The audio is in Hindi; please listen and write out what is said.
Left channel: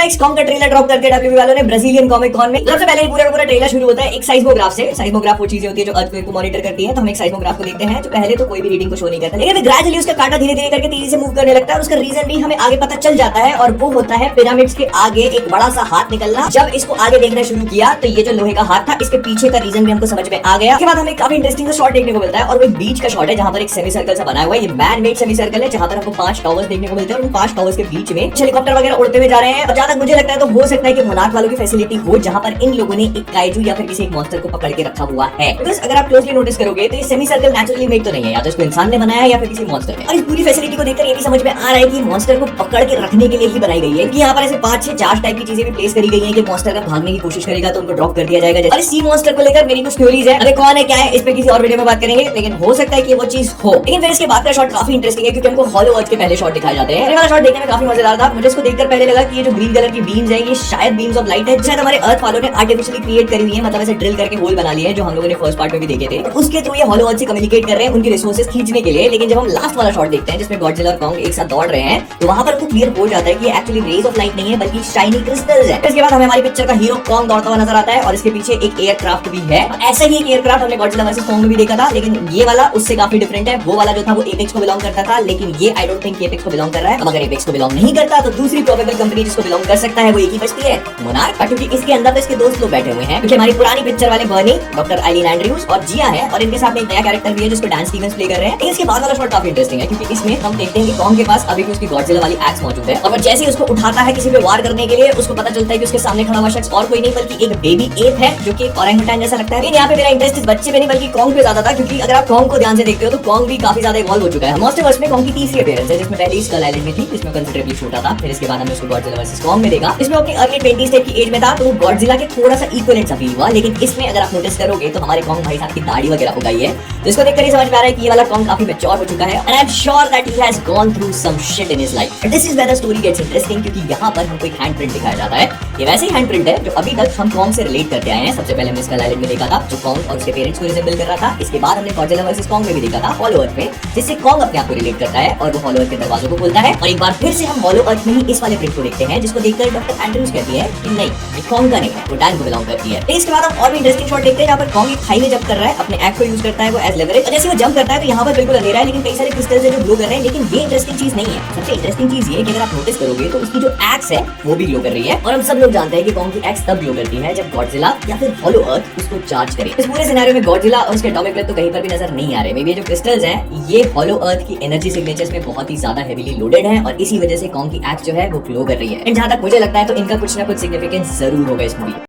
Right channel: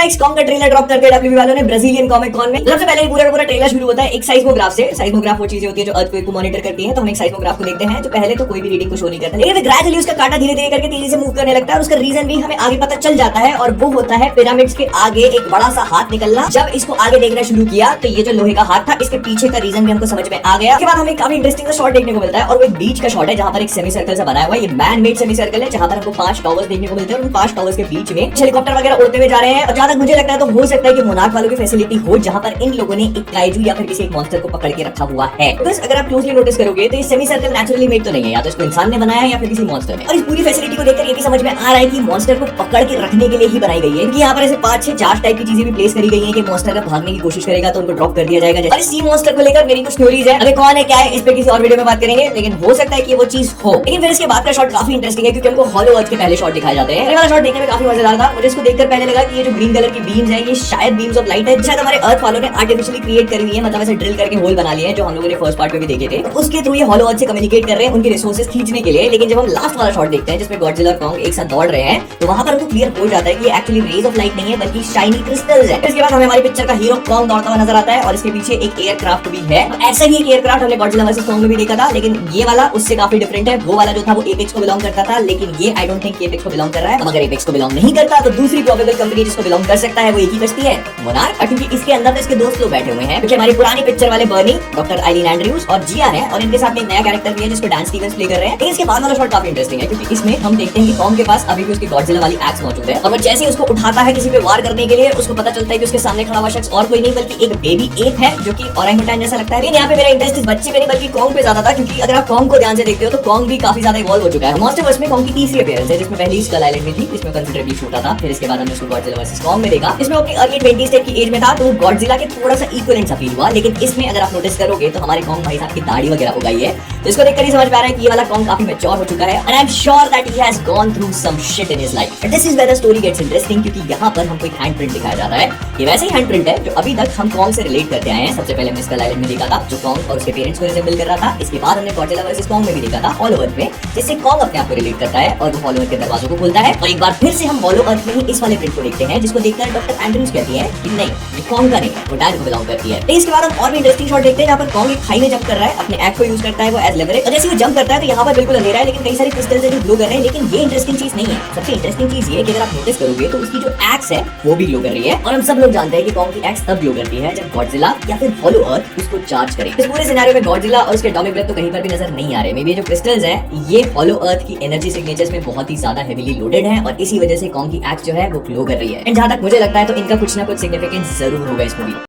लाइक्स कॉम का ट्रेलर ड्रॉप करके डब्ल्यूबी वालों ने ब्राजीलियन कॉमिक कॉन में सबसे पहले पूरा का पूरा ट्रेलर शुरू होता है एक साइस्मोग्राफ से। साइस्मोग्राफ वो चीजें होती है जो अर्थक्वेक को मॉनिटर करती है। तो हम एक साइस्मोग्राफ को देखते हैं जो पहले तो कोई भी रीडिंग को शो नहीं करता, लेकिन ग्रेजुअली उसका कांटा धीरे धीरे करके तेजी से मूव करने लगता है। उसका रीजन भी हमें आगे पता चल जाता है और वो होता है पिरामिड्स के आगे एक बड़ा सा हाथ निकलना। जब इसको आगे देखना शुरू किया तो ये जो लोहे का हाथ था इसके पीछे का रीजन भी हमको समझ में आ गया। उसके बाद हमें काफी इंटरेस्टिंग शॉट देखने को मिलता है और वो एक बीच का शॉट है जहां पर एक सेमी सर्कल से बना हुआ है। ये मैन मेड सेमी सर्कल है जहां पर हमको 5 टावर्स देखने को मिलते हैं और उन 5 टावर्स के बीच में हेलीकॉप्टर वगैरह उड़ते हुए जा रहे हैं। और जहां तक मुझे लगता है तो हो सकता है कि मोनार्क वालों की फैसिलिटी हो जहां पर इन लोगों ने एक काइजू या फिर किसी एक मॉन्स्टर को पकड़ के रखा हुआ है। बस अगर आप क्लोजली नोटिस करोगे तो ये सेमी सर्कल नेचुरली मेड तो नहीं है, या तो इसको इंसान ने बनाया है या फिर किसी मॉन्स्टर ने। और इस पूरी फैसिलिटी को देखकर ये भी समझ में आ रहा है कि मॉन्स्टर को पकड़ के रखने के लिए ही बनाई गई है, क्योंकि यहाँ पर ऐसे 5-6 चार्ज टाइप की चीजें भी प्लेस करी गई हैं कि मॉन्स्टर अगर भागने की कोशिश करेगा तो उनको ड्रॉप कर दिया जाएगा। और सी मॉन्स्टर को लेकर मेरी कुछ थ्योरीज है, अरे कौन है क्या है इस पे किसी और वीडियो में बात करेंगे, लेकिन हो सकता है कि वो चीज हो। लेकिन फिर इसके बाद का शॉट काफी इंटरेस्टिंग है क्योंकि हमको हॉलो अर्थ के पहले शॉट दिखाए जाते हैं। ये वाला शॉट देखने में काफी मजेदार था। मुझे इसको देखकर पहले लगा कि ये जो ग्रीन कलर की बीम्स है ये शायद बीम्स ऑफ लाइट है, शायद हमारे अर्थ वालों ने आर्टिफिशियली क्रिएट करी हुई है, मतलब ऐसे ड्रिल करके होल बना लिए हैं जो हम लोगों ने फर्स्ट पार्ट में भी देखे थे। तो उसके थ्रू ये हॉलो अर्थ से कम्युनिकेट कर रहे हैं उनके रिसोर्सेज खींचने के लिए। लेकिन जब हम लास्ट वाला शॉट देखते हैं जिसमें गॉडजिला और कॉन्ग एक साथ दौड़ रहे हैं तो वहां पर हमको क्लियर हो जाता है कि ये एक्चुअली रेज ऑफ लाइट नहीं है बल्कि शाइनी क्रिस्टल्स है। इसके बाद हमें हमारी पिक्चर का हीरो कॉन्ग दौड़ता हुआ नजर आता है और इसके पीछे एक एयरक्राफ्ट भी है। ऐसा ही एक एयरक्राफ्ट हमने गॉडजिला वर्सेस कॉन्ग में भी देखा था, लेकिन ये वाला उससे काफी डिफरेंट है। वो वाला जो था वो एपेक्स को बिलोंग करता था, लेकिन ये आई डोंट थिंक एपेक्स को बिलोंग कर रहा है। अगर एपेक्स को बिलोंग नहीं करता तो दूसरी प्रोबेबल कंपनी जिसको बिलोंग कर सकता है वो एक ही बचती है, मोनार्क। क्योंकि इसके अंदर तो इसके दोस्त लोग बैठे हुए हैं, क्योंकि हमारी पुरानी पिक्चर वाले बर्नी, डॉक्टर आइलीन एंड्रयूज और जिया है, और इनके साथ में एक नया कैरेक्टर भी है जिसमें डांस स्टीवंस प्ले कर रहे हैं। लेकिन इसके बाद वाला शॉट काफी इंटरेस्टिंग है क्योंकि इसमें हम देखते हैं कि कॉन्ग के पास अभी भी उसकी गॉडजिला वाली एक्स मौजूद है और वो जैसे ही उसको उठाता है किसी पे वार करने के लिए उसको पता चलता है कि उसके सामने खड़ा हुआ शख्स और कोई नहीं बल्कि एक बेबी एप है जो कि ओरंगुटान जैसा लगता है। लेकिन यहाँ पे मेरा इंटरेस्ट इस बच्चे पे नहीं बल्कि कॉन्ग पे ज्यादा था, क्योंकि अगर आप कॉन्ग को ध्यान से देखते हो तो कॉन्ग भी काफी ज्यादा इवॉल्व हो चुका है। मॉन्स्टरवर्स में कॉन्ग की तीसरी अपीयरेंस है जिसमें पहली स्कल आइलैंड में थी, इसमें कंसिडरेबली छोटा था। फिर इसके बाद हमने उसको गॉडजिला वर्सेस कॉन्ग में देखा, इसमें अपनी अर्ली 20s टाइप की एज में था तो वो गॉडजिला के थोड़ा सा इक्विवेलेंट सा फील हुआ। लेकिन इसमें अगर आप नोटिस करोगे तो हमारे कॉन्ग भाई साहब की दाढ़ी वगैरह हो गई है, जिसको देखकर ही समझ में आ रहा है कि ये वाला कॉन्ग काफी मैच्योर हो चुका है। And I am sure that he has gone through some shit in his life. But this is where the story gets interesting, क्योंकि यहाँ पर हमको एक हैंडप्रिंट दिखाया जाता है। ये वैसे ही हैंडप्रिंट है जो अभी तक हम कॉन्ग से रिलेट करते आए हैं। सबसे पहले हमने स्कल आइलैंड में देखा था जो कॉन्ग और उसके पेरेंट्स को रिजेंबल कर रहा था। इसके बाद हमने गॉडजिला वर्सेस कॉन्ग में भी देखा था हॉलो अर्थ में, जिससे कॉन्ग अपने आप को रिलेट करता है और वो हॉलो अर्थ के दरवाजों को खोलता है। और एक बार फिर से हम हॉलो अर्थ में ही इस वाले प्रिंट को देखते हैं जिसको देखकर डॉक्टर एंड्रयूज कहती है कि नहीं ये कॉन्ग का नहीं है, वो डायन को बिलोंग करती है। इसके बाद हम और भी इंटरेस्टिंग शॉट देखते हैं जहां पर कॉन्ग एक खाई में जंप कर रहा है, अपने एक्ट को यूज करता है वो एज लेवरेज। और जैसे वो जंप करता है तो यहाँ पर बिल्कुल अंधेरा है लेकिन कई सारे क्रिस्टल्स हैं जो ग्लो कर रहे हैं। लेकिन ये इंटरेस्टिंग चीज नहीं है। सबसे इंटरेस्टिंग चीज ये कि अगर आप नोटिस करोगे तो उसकी जो एक्स है वो भी ग्लो कर रही है। और हम सब लोग जानते हैं कि कॉन्ग की एक्स तब ग्लो करती है जब गॉडजिला या फिर हॉलो अर्थ उसको चार्ज करे। इस पूरे सिनेरियो में गॉडजिला और उसके एटॉमिक ब्रेथ तो कहीं पर भी नजर नहीं आ रहे। मे बी जो क्रिस्टल्स हैं ये हॉलो अर्थ की एनर्जी सिग्नेचर्स में बहुत ही ज्यादा हेवीली लोडेड है और इसी वजह से कॉन्ग की एक्स जो है वो ग्लो कर रही है। एंड जहां तक मुझे लगता है तो इनका कुछ ना कुछ सिग्निफिकेंस जरूर होगा इस मूवी में।